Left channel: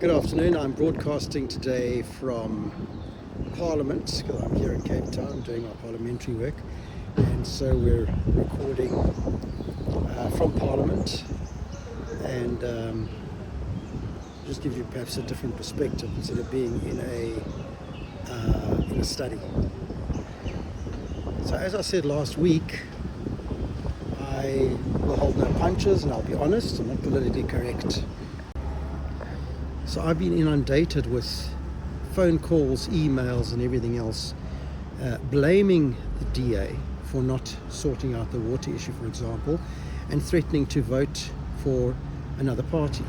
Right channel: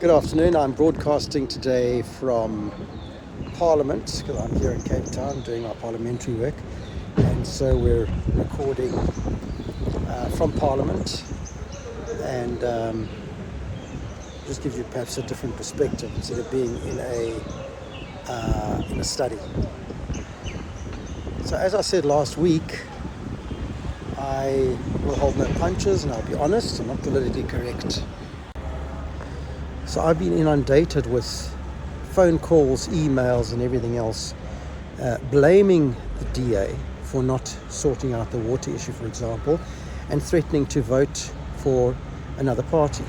Good afternoon. I'm broadcasting today from Parliament because I'm here in Cape Town doing my parliamentary work, and so we're recording from Parliament, and just gives you perhaps a different perspective instead of being in a study. So as I said last week, I will hold no punches, and I'll be honest, I'm not politically correct. So I've been inundated with phone calls, emails and everything else, blaming the DA for not sorting out the water issue, for example, and threatening to vote for another party.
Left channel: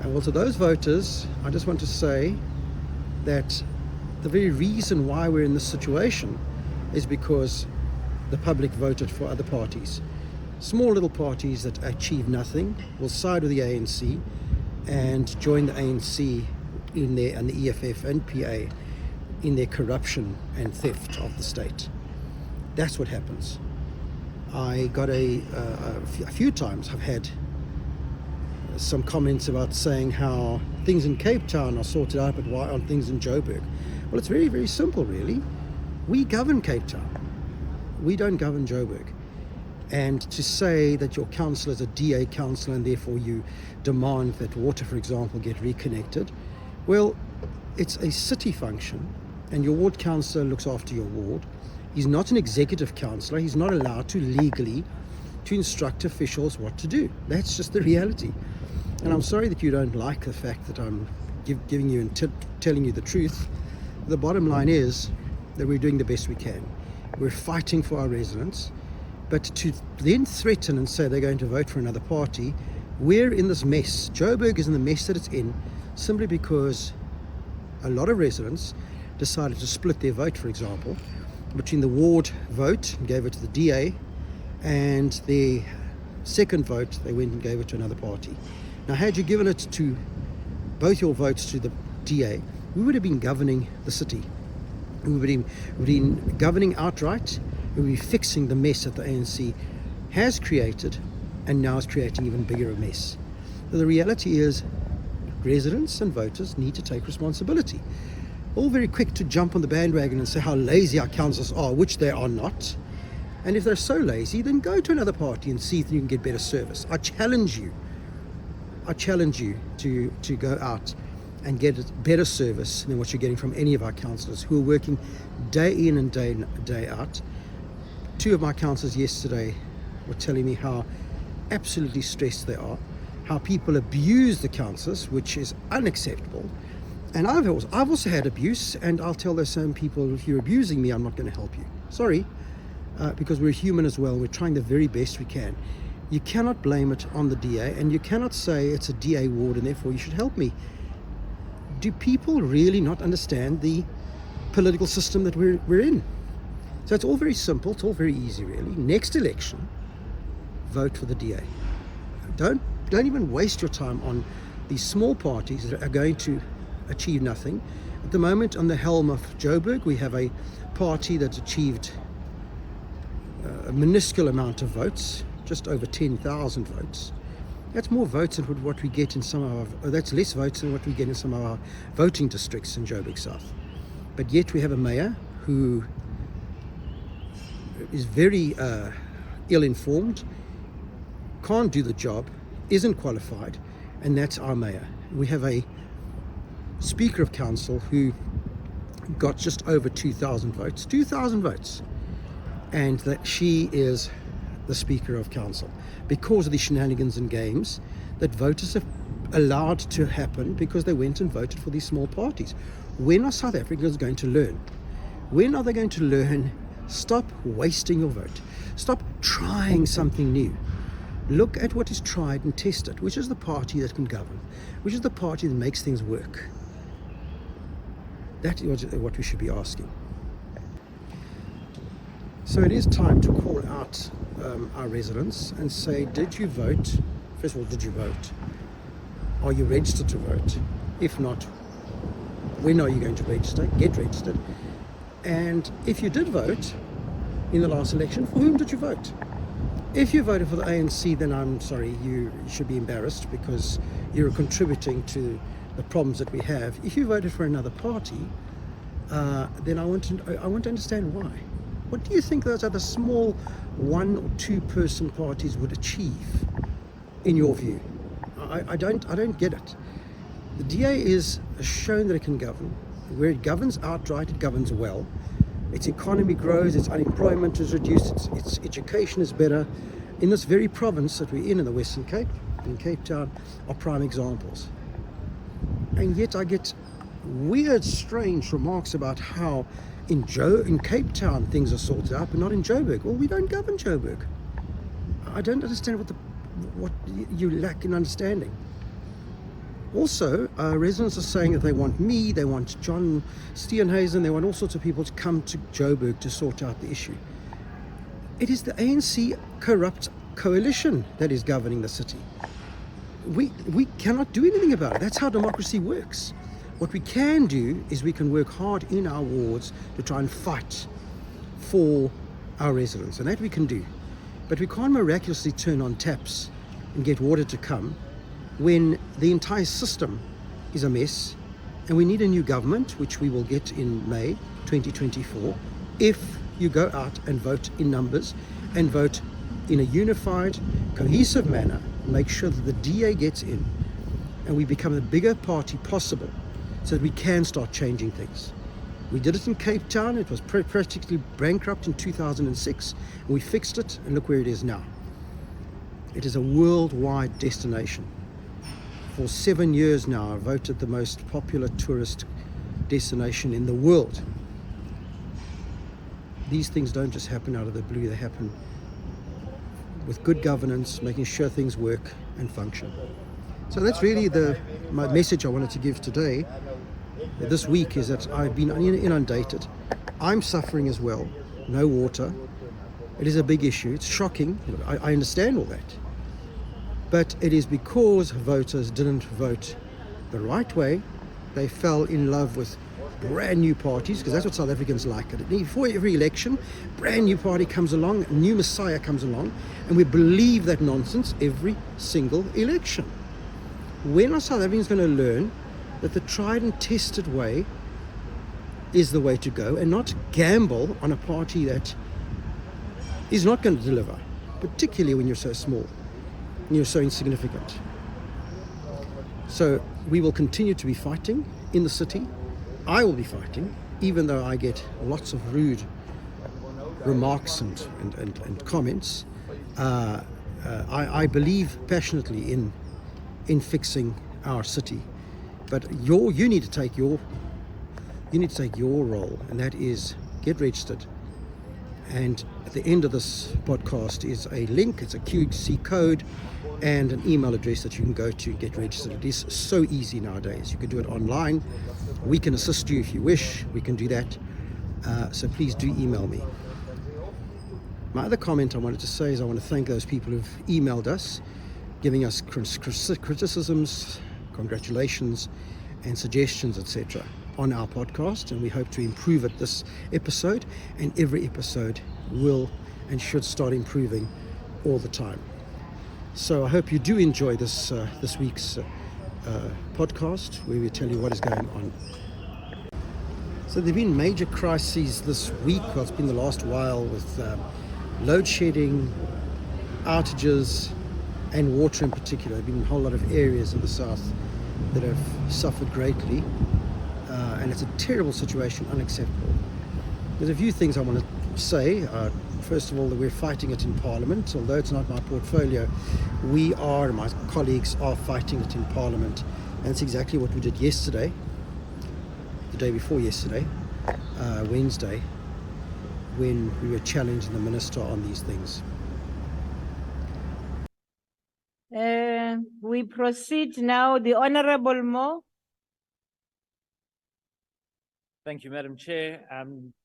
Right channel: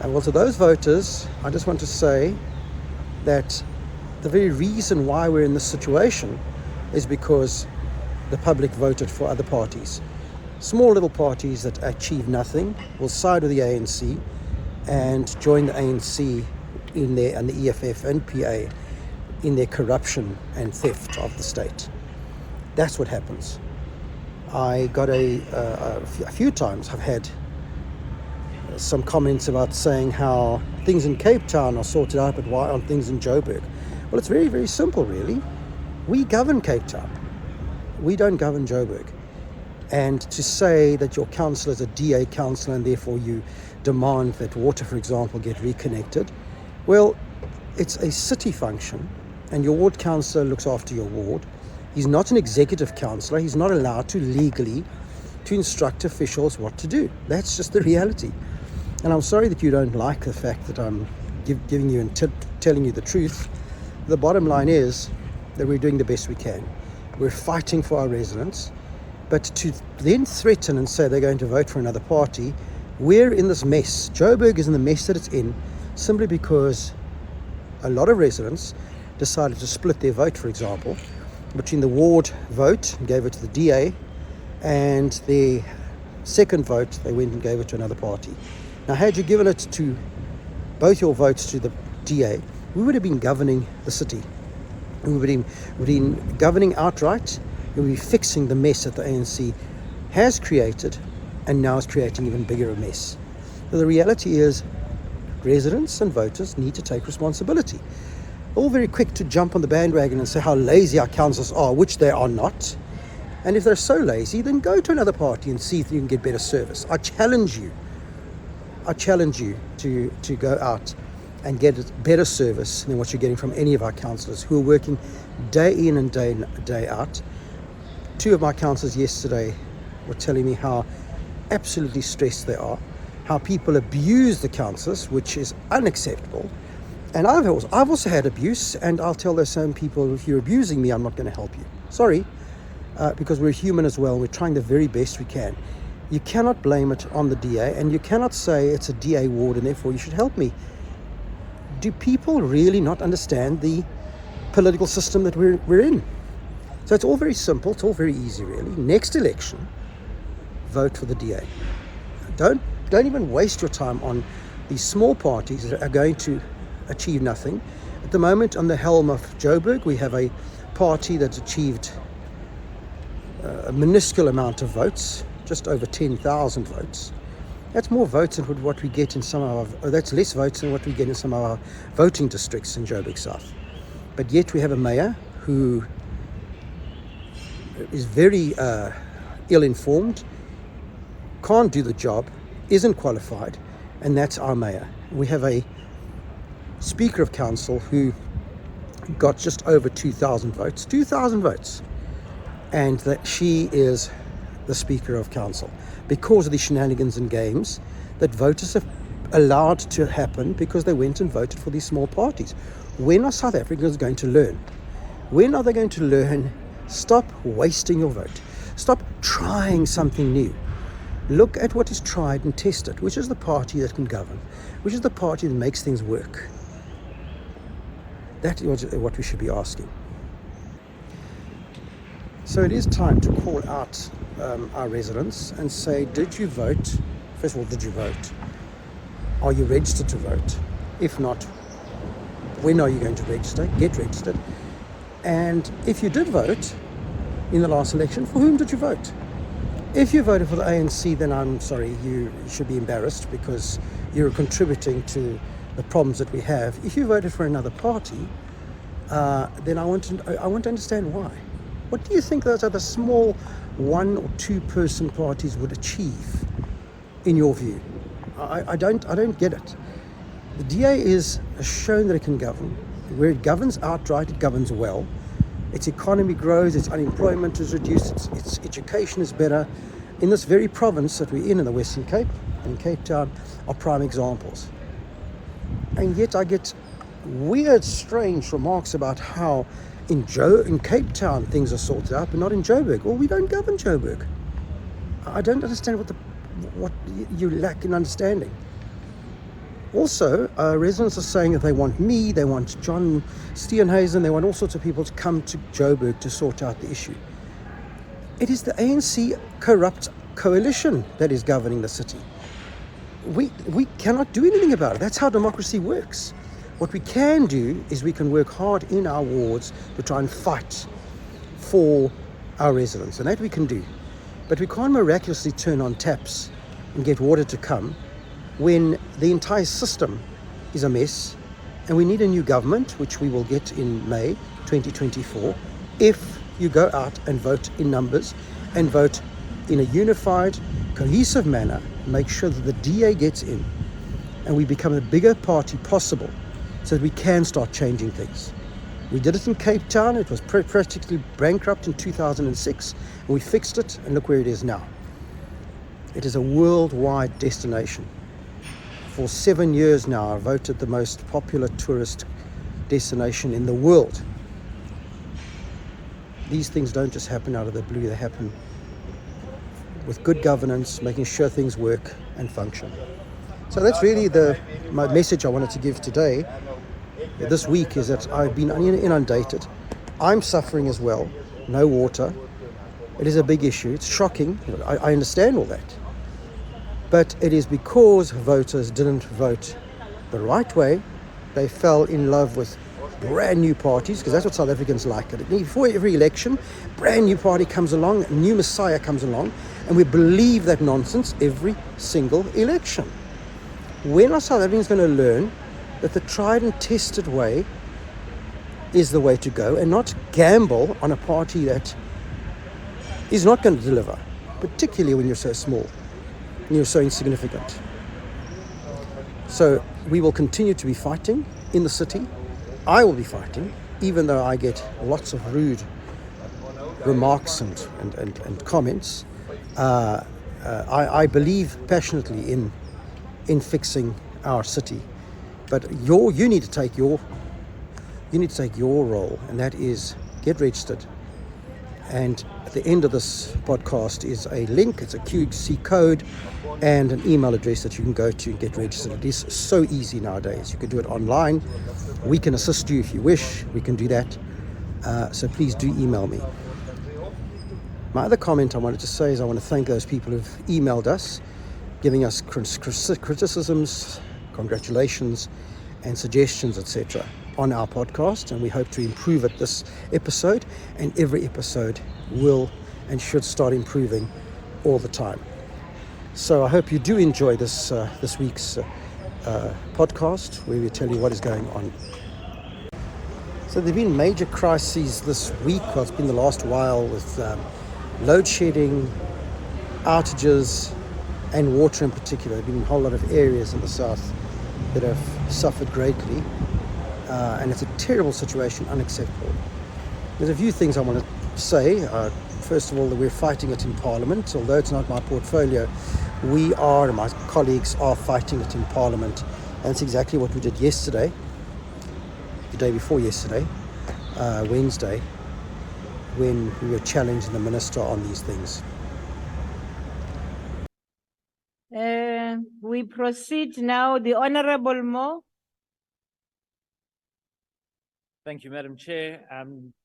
And well, to those voters, I just want to say that the very reason why we're in this situation is because the public voted for other parties. Small little parties that achieve nothing will side with the ANC and join the ANC and the EFF and PA in their corruption and theft of the state. That's what happens. I got a few times I've had some comments about saying how things in Cape Town are sorted out, but why aren't things in Joburg? Well, it's very, very simple, really. We govern Cape Town. We don't govern Joburg. And to say that your councillor is a DA councillor and therefore you demand that water, for example, get reconnected, well, it's a city function and your ward councillor looks after your ward. He's not an executive councillor. He's not allowed to legally to instruct officials what to do. That's just the reality. And I'm sorry that you don't like the fact that I'm giving you and telling you the truth. The bottom line is that we're doing the best we can. We're fighting for our residents. But to then threaten and say they're going to vote for another party, we're in this mess. Joburg is in the mess that it's in simply because a lot of residents decided to split their vote, for example, between the ward vote and gave it to the DA, and their second vote, they went and gave it to another party. Now, had you given it to both your votes to the DA, we would have been governing the city. We would have been governing outright. We'll be fixing the mess that the ANC has created and now is creating even bigger a mess. So the reality is residents and voters need to take responsibility. All very quick to jump on the bandwagon and say how lazy our councils are, which they are not. And if they're so lazy, then go to another party and see if you can get better service. I challenge you to go out and get better service than what you're getting from any of our councillors who are working day in and day out. Two of my councillors yesterday were telling me how absolutely stressed they are, how people abuse the councillors, which is unacceptable. And I've also had abuse, and I'll tell those same people, if you're abusing me, I'm not going to help you. Sorry, because we're human as well. We're trying the very best we can. You cannot blame it on the DA, and you cannot say it's a DA ward and therefore you should help me. Do people really not understand the political system that we're in? So it's all very simple, it's all very easy really. Next election, vote for the DA. Don't even waste your time on these small parties that are going to achieve nothing. At the moment, on the helm of Joburg, we have a party that's achieved a minuscule amount of votes, just over 10,000 votes. That's more votes than what we get in some of our, that's less votes than what we get in some of our voting districts in Joburg South. But yet we have a mayor who is very ill-informed, can't do the job, isn't qualified, and that's our mayor. We have a Speaker of Council who got just over 2,000 votes, and that she is the Speaker of Council because of the shenanigans and games that voters have allowed to happen because they went and voted for these small parties. When are South Africans going to learn? When are they going to learn? Stop wasting your vote. Stop trying something new. Look at what is tried and tested, which is the party that can govern, which is the party that makes things work. That is what we should be asking. So it is time to call out our residents and say, did you vote? First of all, did you vote? Are you registered to vote? If not, when are you going to register? Get registered. And if you did vote in the last election, for whom did you vote? If you voted for the ANC, then I'm sorry, you should be embarrassed because you're contributing to the problems that we have. If you voted for another party, then I want to understand why. What do you think those other small 1 or 2 person parties would achieve, in your view? I don't get it. The DA has shown that it can govern. Where it governs outright, it governs well. Its economy grows, its unemployment is reduced, its education is better. In this very province that we're in the Western Cape, and Cape Town, are prime examples. And yet I get weird, strange remarks about how in Cape Town things are sorted out, but not in Joburg. Well, we don't govern Joburg. I don't understand what you lack in understanding. Also, residents are saying that they want me, they want John Steenhuisen, they want all sorts of people to come to Joburg to sort out the issue. It is the ANC corrupt coalition that is governing the city. We cannot do anything about it. That's how democracy works. What we can do is we can work hard in our wards to try and fight for our residents, and that we can do. But we can't miraculously turn on taps and get water to come when the entire system is a mess, and we need a new government, which we will get in May 2024, if you go out and vote in numbers and vote in a unified, cohesive manner, make sure that the DA gets in and we become the bigger party possible so that we can start changing things. We did it in Cape Town. It was practically bankrupt in 2006, and we fixed it, and look where it is now. It is a worldwide destination. For 7 years now, I've voted the most popular tourist destination in the world. These things don't just happen out of the blue. They happen with good governance, making sure things work and function. So that's really my message I wanted to give today, this week, is that I've been inundated. I'm suffering as well. No water. It is a big issue. It's shocking. I understand all that. But it is because voters didn't vote the right way. They fell in love with brand new parties, because that's what South Africans like. Before every election, brand new party comes along, a new messiah comes along, and we believe that nonsense every single election. When are South Africans going to learn that the tried and tested way is the way to go, and not gamble on a party that is not going to deliver, particularly when you're so small and you're so insignificant? So we will continue to be fighting in the city. I will be fighting, even though I get lots of rude remarks and comments. I believe passionately in fixing our city, but you need to take your role, and that is get registered. And at the end of this podcast is a link. It's a QC code and an email address that you can go to and get registered. It is so easy nowadays. You can do it online. We can assist you if you wish. We can do that. So please do email me. My other comment I wanted to say is I want to thank those people who've emailed us, giving us criticisms, congratulations, and suggestions, etc. on our podcast, and we hope to improve it this episode, and every episode will and should start improving all the time. So I hope you do enjoy this week's podcast, where we tell you what is going on. So there have been major crises this week. Well, it's been the last while, with load shedding, outages, and water in particular. There have been a whole lot of areas in the south that have suffered greatly, and it's a terrible situation, unacceptable. There's a few things I want to say. First of all, that we're fighting it in Parliament. Although it's not my portfolio, we are, and my colleagues are, fighting it in Parliament, and it's exactly what we did yesterday, the day before yesterday, Wednesday, when we were challenging the minister on these things. We proceed now. The Honorable Mo. Thank you, Madam Chair.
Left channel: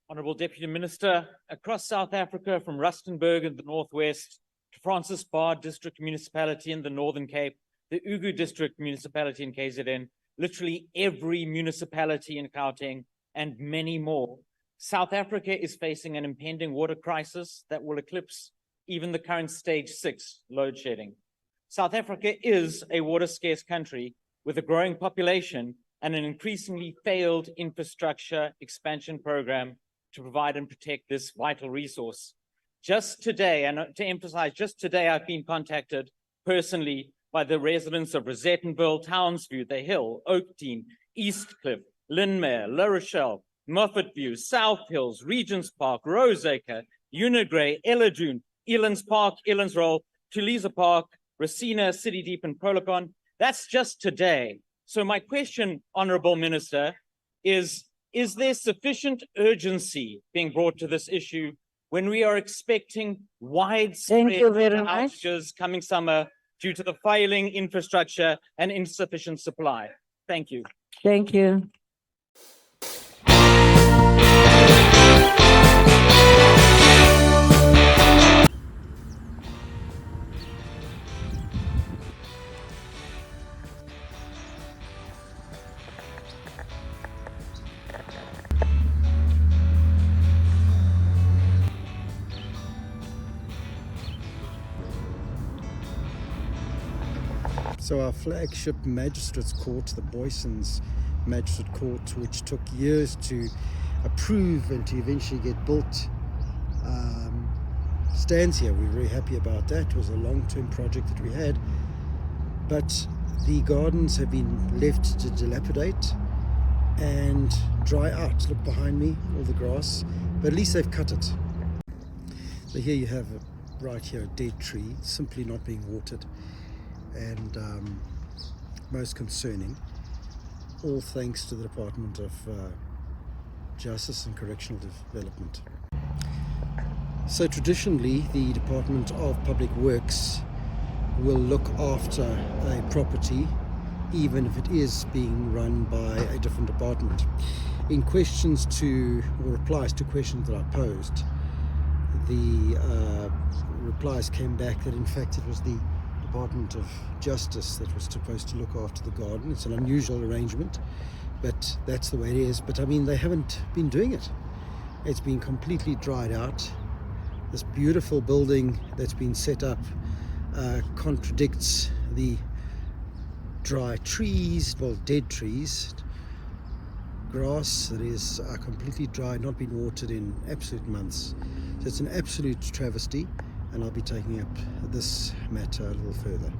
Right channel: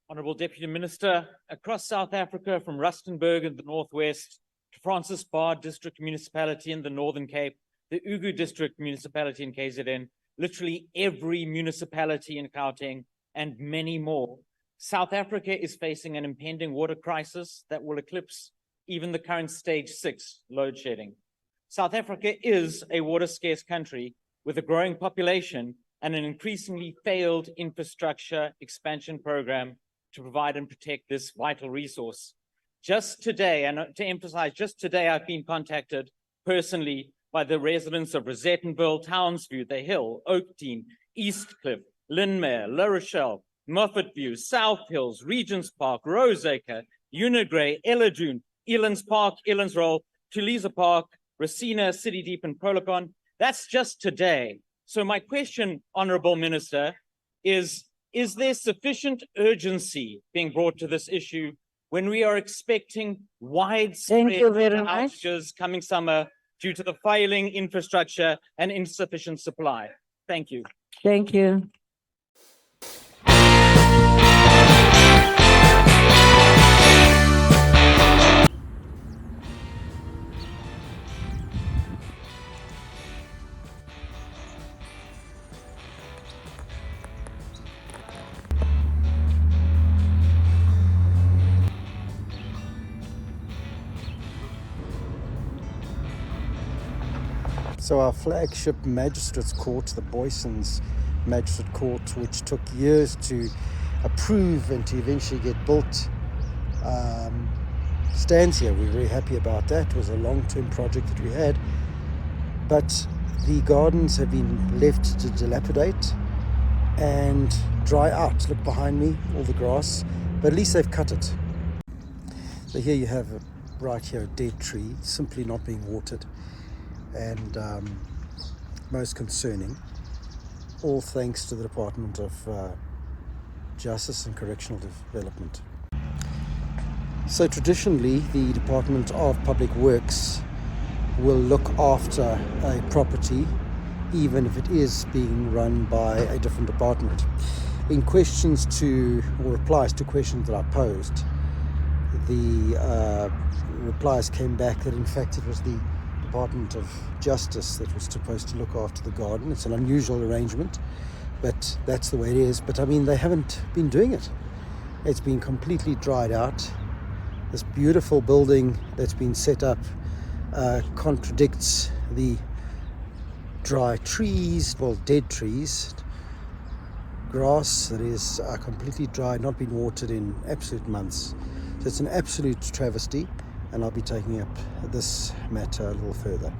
Honourable Deputy Minister, across South Africa, from Rustenburg in the northwest to Francis Bar District Municipality in the Northern Cape, the Ugu District Municipality in KZN, literally every municipality in Gauteng, and many more, South Africa is facing an impending water crisis that will eclipse even the current stage 6 load shedding. South Africa is a water-scarce country with a growing population and an increasingly failed infrastructure expansion program to provide and protect this vital resource. Just today, and to emphasize, just today, I've been contacted personally by the residents of Rosettenville, Townsview, The Hill, Oakdean, Eastcliff, Lynmere, La Rochelle, Moffat View, South Hills, Regents Park, Roseacre, Unigray, Elladoon, Elands Park, Elands Roll, Tulisa Park, Racina, City Deep, and Prolocon. That's just today. So my question, Honorable Minister, is there sufficient urgency being brought to this issue when we are expecting widespread Thank you very much. outages coming summer due to the failing infrastructure and insufficient supply? Thank you. Thank you. So our flagship magistrates court, the Boysons Magistrate Court, which took years to approve and to eventually get built, stands here. We're very happy about that. It was a long-term project that we had, but the gardens have been left to dilapidate and dry out. Look behind me, all the grass, but at least they've cut it. So here you have right here a dead tree, simply not being watered. And most concerning, all thanks to the Department of Justice and Correctional Development. So traditionally, the Department of Public Works will look after a property even if it is being run by a different department. In questions to, or replies to questions that I posed, the replies came back that in fact it was the Department of Justice that was supposed to look after the garden. It's an unusual arrangement, but that's the way it is. But I mean, they haven't been doing it. It's been completely dried out. This beautiful building that's been set up contradicts the dry trees, well, dead trees, grass that is completely dry, not been watered in absolute months. So it's an absolute travesty. And I'll be taking up this matter a little further.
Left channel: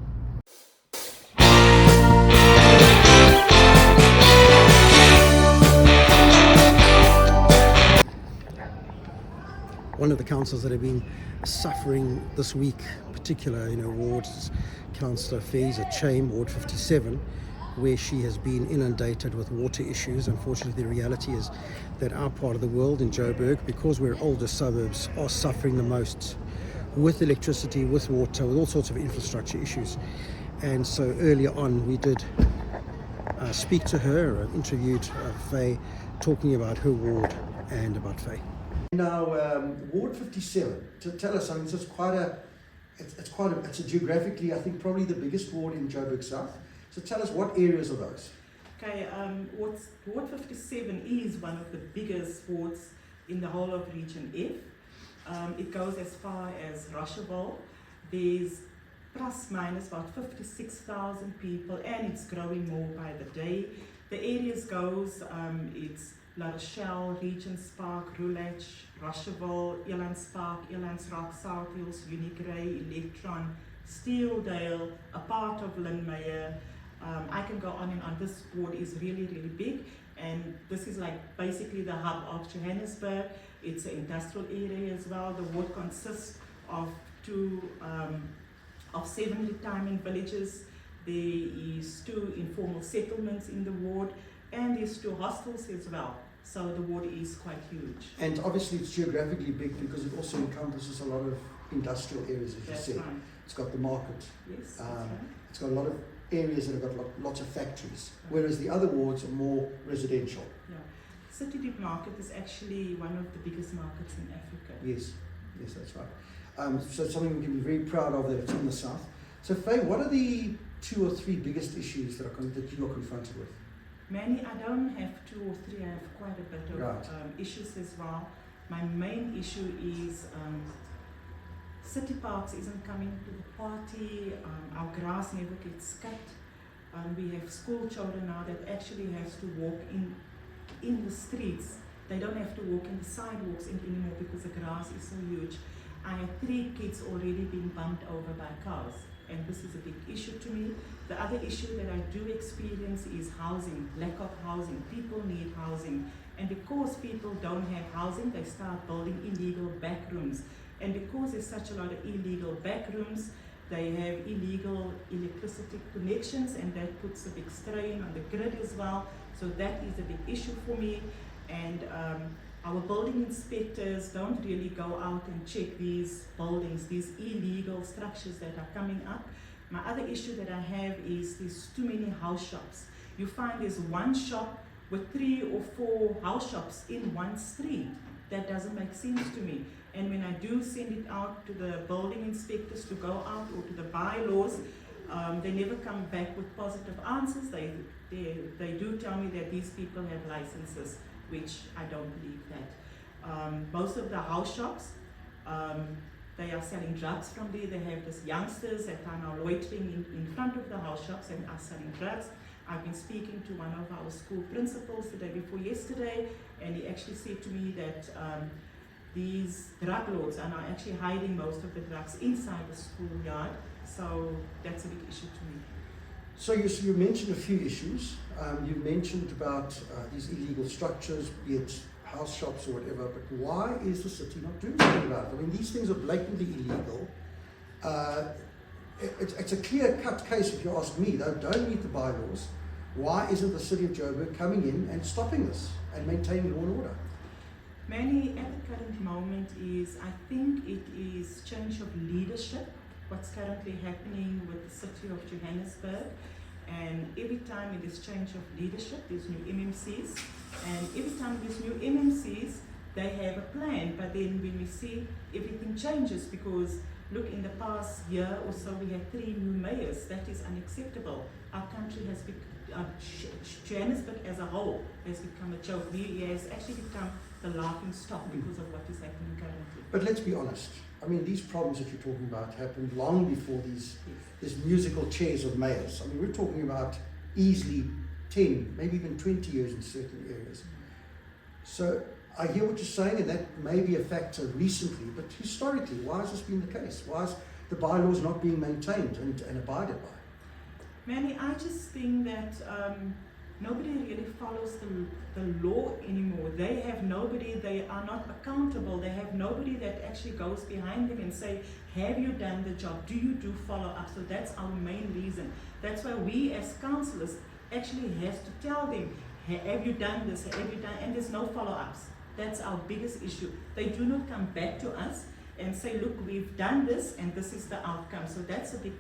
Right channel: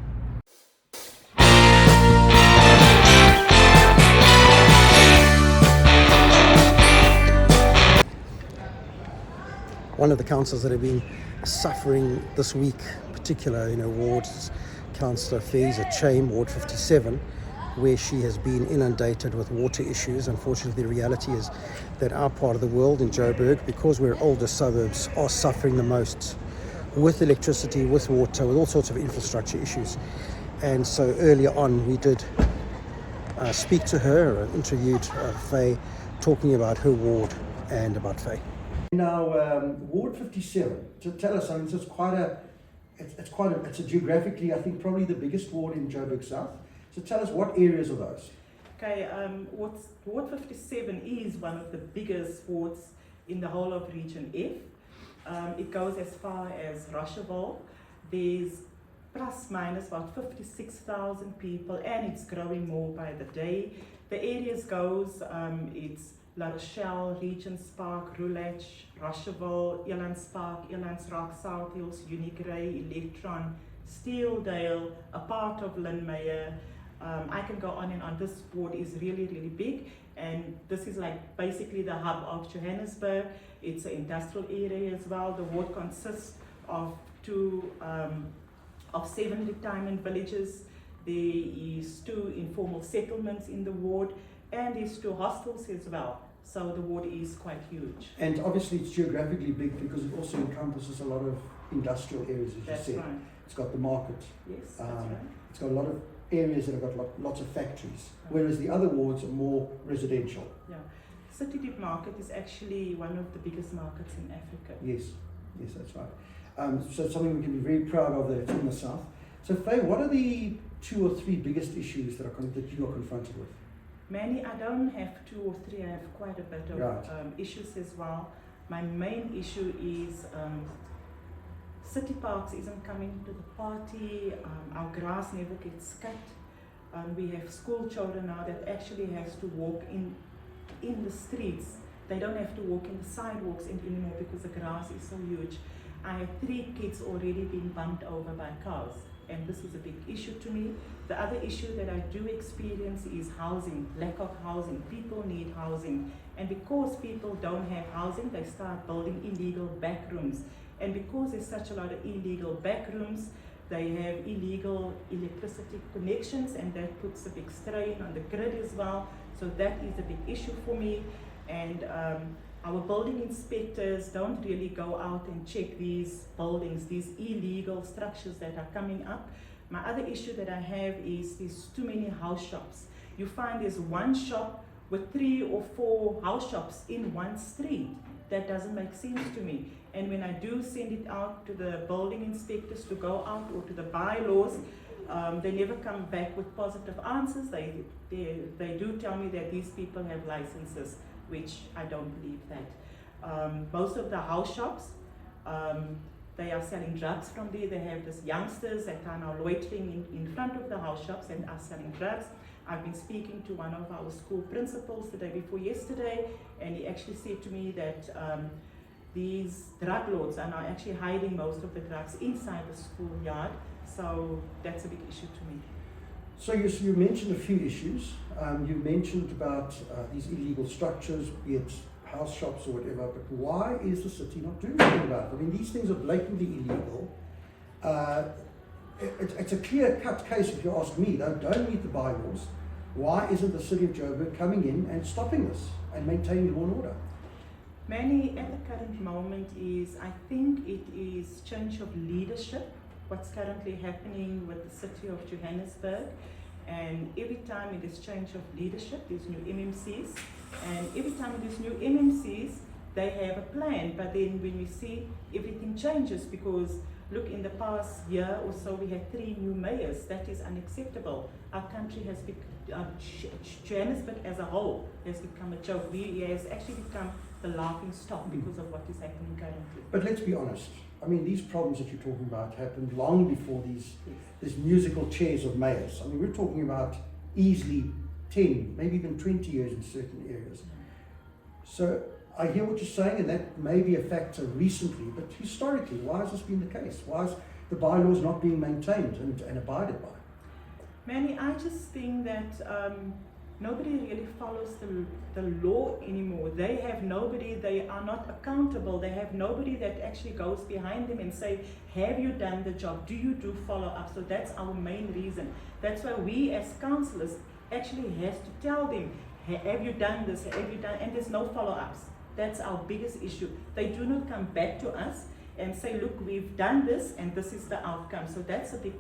One of the councils that have been suffering this week, particular wards, is Councillor Faiza Chaim, Ward 57, where she has been inundated with water issues. Unfortunately, the reality is that our part of the world in Joburg, because we're older suburbs, are suffering the most with electricity, with water, with all sorts of infrastructure issues. And so earlier on we did speak to her, interviewed Faye, talking about her ward and about Faye. Now, Ward 57, to tell us, I mean, this is it's a geographically, I think, probably the biggest ward in Joburg South. So tell us, what areas are those? Okay, Ward 57 is one of the biggest wards in the whole of Region F. It goes as far as Rocheville. There's plus minus about 56,000 people, and it's growing more by the day. The areas goes, it's La Rochelle, Regents Park, Roulette, Rocheville, Elands Park, Elands Rock, South Hills, Unigray, Electron, Steeldale, a part of Lynmere. I can go on and on. This ward is really, really big, and this is like basically the hub of Johannesburg. It's an industrial area as well. The ward consists of 7 retirement villages. There is 2 informal settlements in the ward, and there's 2 hostels as well. So the ward is quite huge. And obviously it's geographically big because it also encompasses a lot of industrial areas, as That's you said. right. It's got the market. Yes, that's right. It's got a lot of areas that have got lots of factories, whereas the other wards are more residential. Yeah. City Deep Market is actually one of the biggest markets in Africa. Yes, yes, that's right. So it's something we can be very proud of that it's in the south. So Faye, what are the 2 or 3 biggest issues that you're confronted with? Manny, I don't have 2 or 3, I have quite a bit of Right. issues as well. My main issue is City Parks isn't coming to the party, our grass never gets cut. We have school children now that actually has to walk in the streets. They don't have to walk in the sidewalks anymore because the grass is so huge. I had 3 kids already being bumped over by cars, and this is a big issue to me. The other issue that I do experience is housing, lack of housing. People need housing, and because people don't have housing, they start building illegal back rooms. And because there's such a lot of illegal back rooms, they have illegal electricity connections, and that puts a big strain on the grid as well. So that is a big issue for me. And our building inspectors don't really go out and check these buildings, these illegal structures that are coming up. My other issue that I have is there's too many house shops. You find there's one shop with 3 or 4 house shops in one street. That doesn't make sense to me. And when I do send it out to the building inspectors to go out, or to the bylaws, they never come back with positive answers. They do tell me that these people have licenses, which I don't believe that. Most of the house shops, they are selling drugs from there. They have these youngsters that are now loitering in front of the house shops and are selling drugs. I've been speaking to one of our school principals the day before yesterday, and he actually said to me that these drug lords are now actually hiding most of the drugs inside the schoolyard. So that's a big issue to me. So you mentioned a few issues. You mentioned about these illegal structures, be it house shops or whatever, but why is the city not doing anything about it? I mean, these things are blatantly illegal. It's a clear-cut case, if you ask me. They don't meet the bylaws. Why isn't the city of Joburg coming in and stopping this and maintaining law and order? Manny, at the current moment I think it is change of leadership, what's currently happening with the city of Johannesburg. And every time it is change of leadership, there's new MMCs. And every time there's new MMCs, they have a plan. But then when we see everything changes, because look, in the past year or so, we had 3 new mayors. That is unacceptable. Our country has become, Johannesburg as a whole has become a joke. It has actually become the laughing stock because of what is happening currently. But let's be honest. I mean, these problems that you're talking about happened long before these musical chairs of mayors. I mean, we're talking about easily 10, maybe even 20 years in certain areas. So I hear what you're saying, and that may be a factor recently, but historically, why has this been the case? Why is the bylaws not being maintained and abided by? Manny, I just think that nobody really follows the law anymore. They have nobody, they are not accountable. They have nobody that actually goes behind them and say, have you done the job? Do you do follow up? So that's our main reason. That's why we as councillors actually have to tell them, have you done this? Have you done? And there's no follow-ups. That's our biggest issue. They do not come back to us and say, look, we've done this and this is the outcome. So that's a big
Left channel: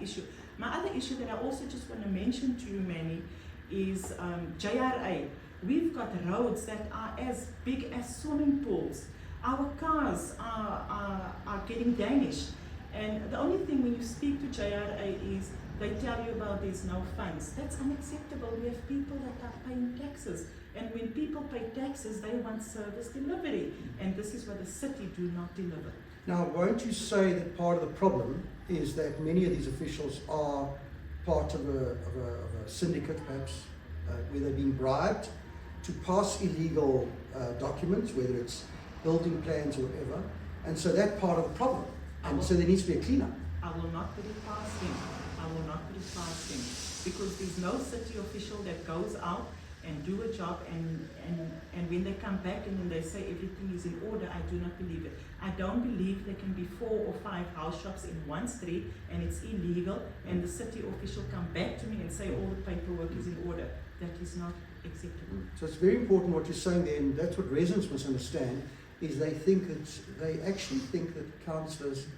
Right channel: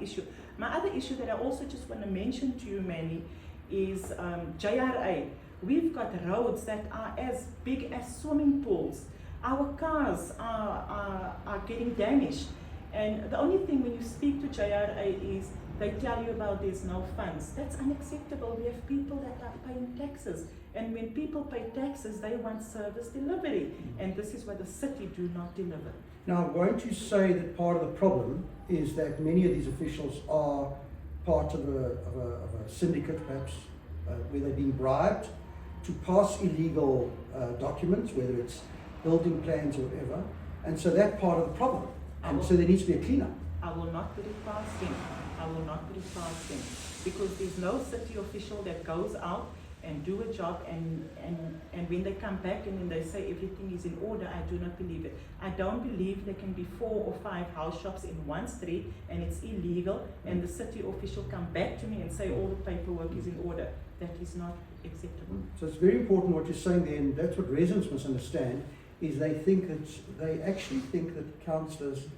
issue. My other issue that I also just want to mention to you, Manny, is JRA. We've got roads that are as big as swimming pools. Our cars are getting damaged. And the only thing when you speak to JRA is they tell you about there's no funds. That's unacceptable. We have people that are paying taxes. And when people pay taxes, they want service delivery. And this is what the city do not deliver. Now, won't you say that part of the problem is that many of these officials are part of a syndicate, perhaps, where they're being bribed to pass illegal documents, whether it's building plans or whatever, and so that's part of the problem. And so there needs to be a cleanup. I will not put it past him. I will not put it past him, because there's no city official that goes out and do a job and when they come back and then they say everything is in order, I do not believe it. I don't believe there can be 4 or 5 house shops in one street and it's illegal and the city official come back to me and say all the paperwork is in order. That is not acceptable. So it's very important what you're saying there, and that's what residents must understand, is they actually think that councillors,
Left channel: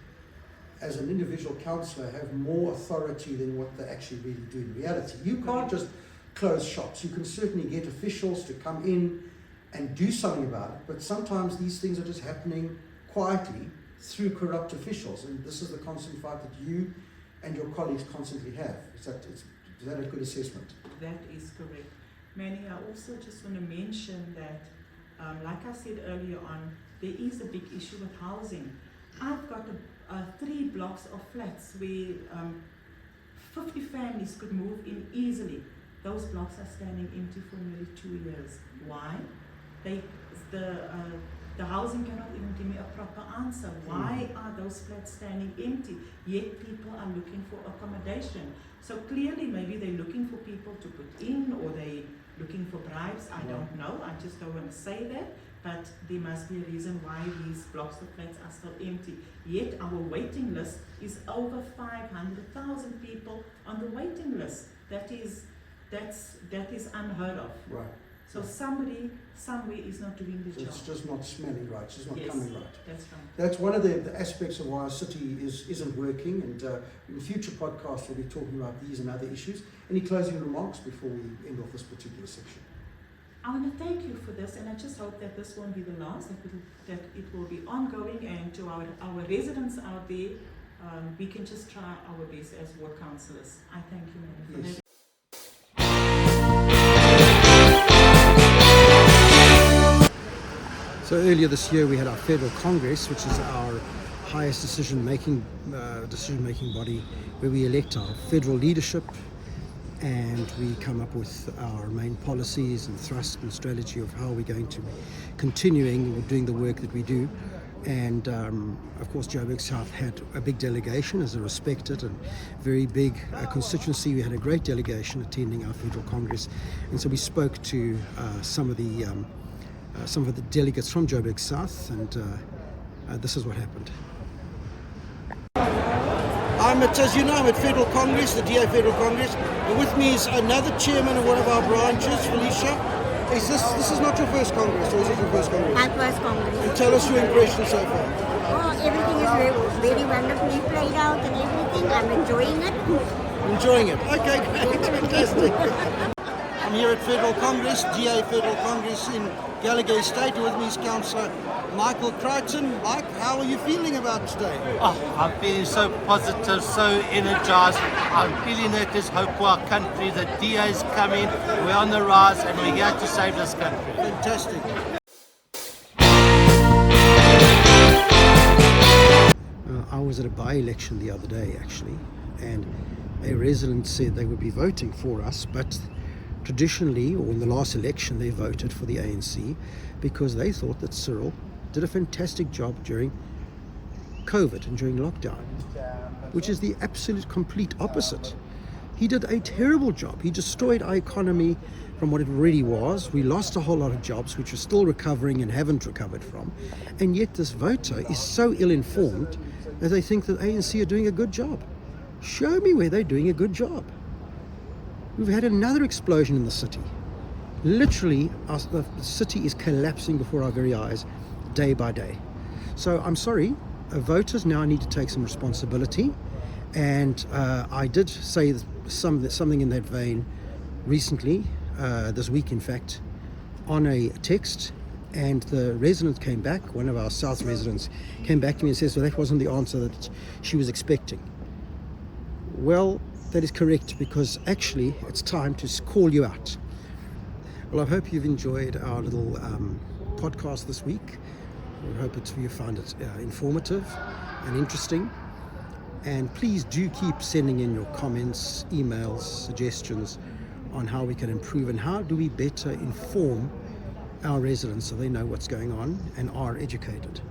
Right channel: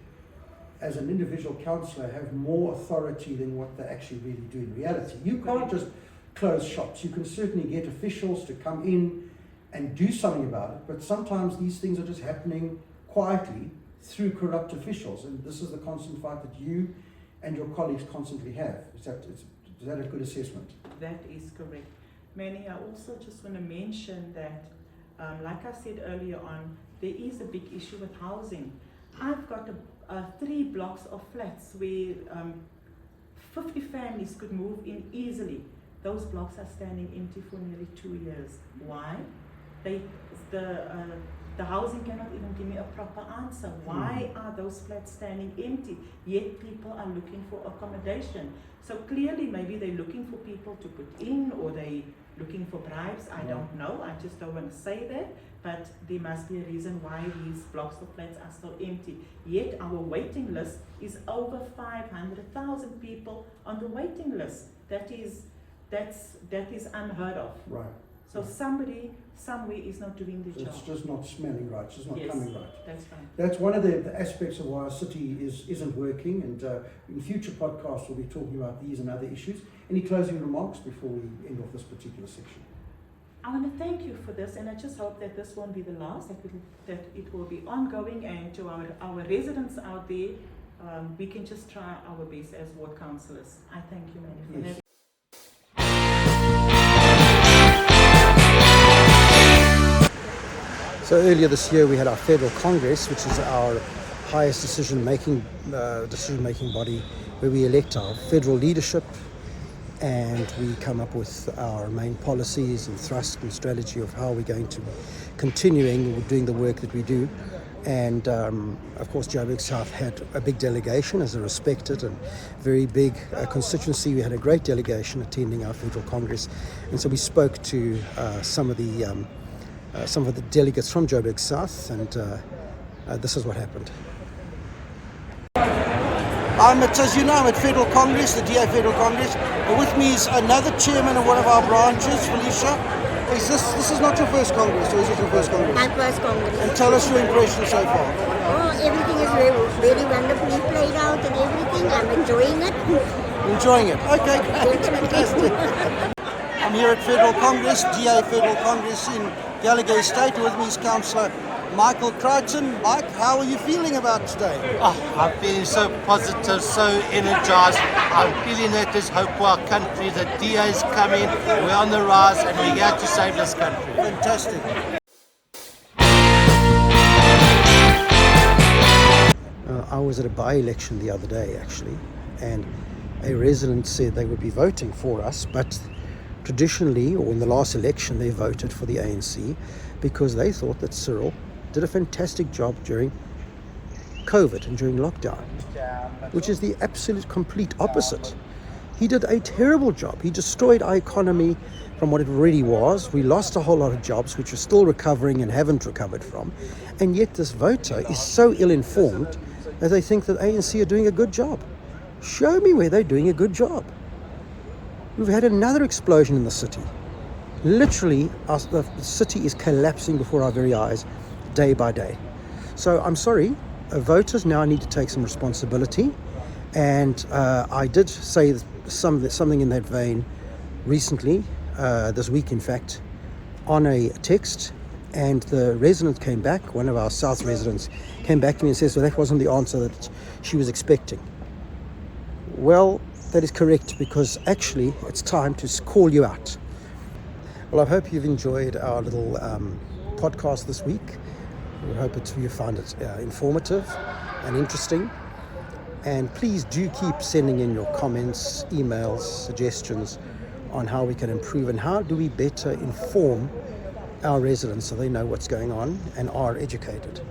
as an individual councillor, have more authority than what they actually really do in reality. You can't just close shops. You can certainly get officials to come in and do something about it, but sometimes these things are just happening quietly through corrupt officials, and this is the constant fight that you and your colleagues constantly have. Is that a good assessment? That is correct. Manny, I also just want to mention that, like I said earlier on, there is a big issue with housing. I've got 3 blocks of flats where 50 families could move in easily. Those blocks are standing empty for nearly 2 years. Why? The housing cannot even give me a proper answer. Why are those flats standing empty, yet people are looking for accommodation? So clearly maybe they're looking for people to put in, or they looking for bribes. I don't know. I just don't want to say that. But there must be a reason why these blocks of flats are still empty. Yet our waiting list is over 500,000 people on the waiting list. That is unheard of. Right. So somebody somewhere is not doing the job. It's just not smelling right. It's just not Yes, coming right. that's right. That's one of the aspects of why our city isn't working, and in future podcasts we'll be talking about these and other issues. Any closing remarks before we end off this particular section? I want to thank you for this, and I just hope that this won't be the last, that it will be ongoing, and to our residents out there, we can just try our best as ward councillors. I thank you, Manny, for having. So earlier this year we had our Federal Congress, which is our highest decision-making body, where we elect our federal leadership and we come up with our main policies and thrust and strategy of how we're going to be continuing doing the work that we do. And of course Joburg South had a big delegation as a respected and very big constituency. We had a great delegation attending our Federal Congress, and so we spoke to some of the delegates from Joburg South, and this is what happened. As you know, I'm at Federal Congress, the DA Federal Congress, and with me is another chairman of one of our branches, Felicia. This is not your first Congress, or is it your first Congress? My first Congress. And tell us your impression so far. Oh, everything is very, very wonderfully played out and everything. I'm enjoying it. Enjoying it. Okay, great, fantastic. I'm here at Federal Congress, DA Federal Congress in Gallagher State. With me is Councillor Michael Crichton. Mike, how are you feeling about today? Oh, I'm feeling so positive, so energized. I'm feeling that there's hope for our country. The DA's coming, we're on the rise, and we're here to save this country. Fantastic. I was at a by-election the other day, actually, and a resident said they would be voting for us, but traditionally, or in the last election, they voted for the ANC because they thought that Cyril did a fantastic job during COVID and during lockdown, which is the absolute complete opposite. He did a terrible job. He destroyed our economy from what it really was. We lost a whole lot of jobs, which we're still recovering and haven't recovered from. And yet this voter is so ill-informed that they think that ANC are doing a good job. Show me where they're doing a good job. We've had another explosion in the city. Literally, the city is collapsing before our very eyes, day by day. So I'm sorry, voters now need to take some responsibility. And I did say something in that vein recently, this week in fact, on a text. And the resident came back, one of our South residents came back to me and says, well, that wasn't the answer that she was expecting. Well, that is correct, because actually it's time to call you out. Well, I hope you've enjoyed our little podcast this week. We hope you find it informative and interesting. And please do keep sending in your comments, emails, suggestions on how we can improve and how do we better inform our residents so they know what's going on and are educated.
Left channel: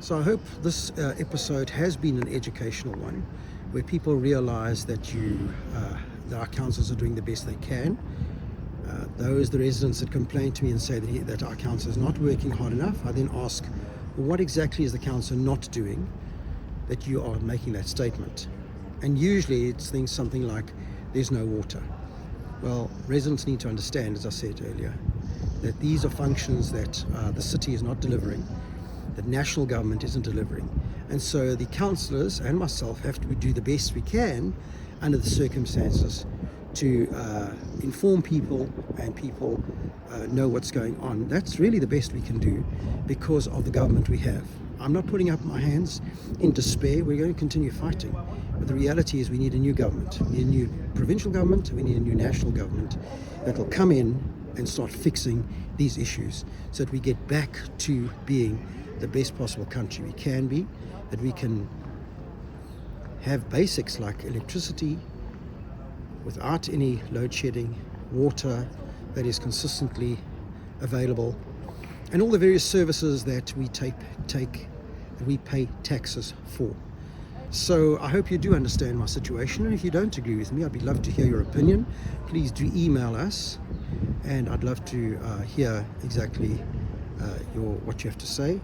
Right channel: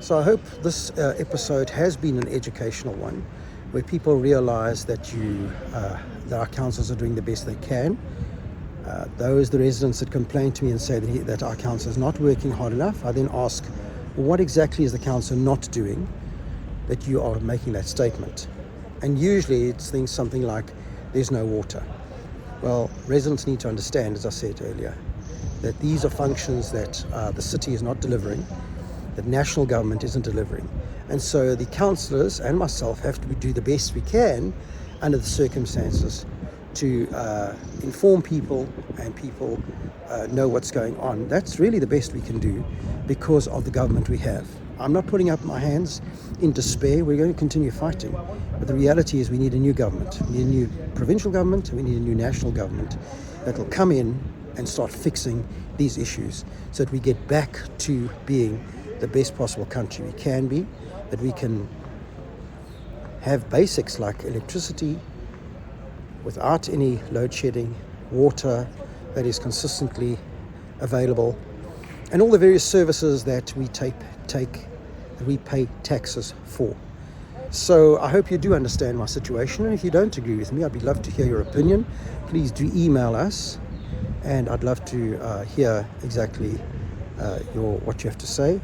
So I hope this episode has been an educational one, where people realize that that our councils are doing the best they can. Those the residents that complain to me and say that our council is not working hard enough, I then ask, well, what exactly is the council not doing that you are making that statement? And usually it's something like, there's no water. Well, residents need to understand, as I said earlier, that these are functions that the city is not delivering, that national government isn't delivering. And so the councillors and myself have to do the best we can under the circumstances to inform people, and people know what's going on. That's really the best we can do because of the government we have. I'm not putting up my hands in despair. We're going to continue fighting. But the reality is we need a new government. We need a new provincial government. We need a new national government that will come in and start fixing these issues so that we get back to being the best possible country we can be, that we can have basics like electricity, without any load shedding, water that is consistently available, and all the various services that we pay taxes for. So I hope you do understand my situation, and if you don't agree with me, I'd be love to hear your opinion. Please do email us, and I'd love to hear exactly what you have to say.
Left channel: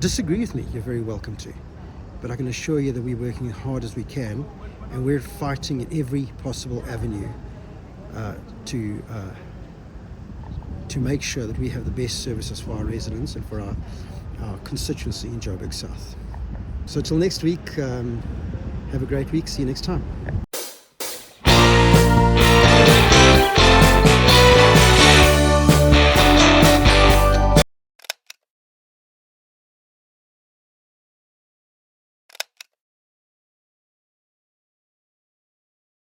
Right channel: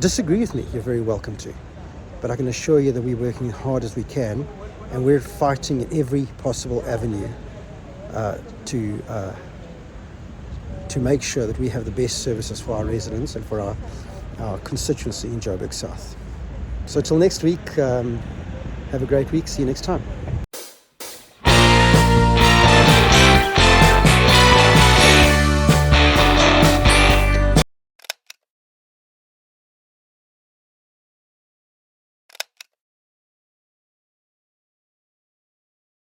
Disagree with me, you're very welcome to, but I can assure you that we're working as hard as we can, and we're fighting in every possible avenue to make sure that we have the best services for our residents and for our constituency in Joburg South. So till next week, have a great week. See you next time.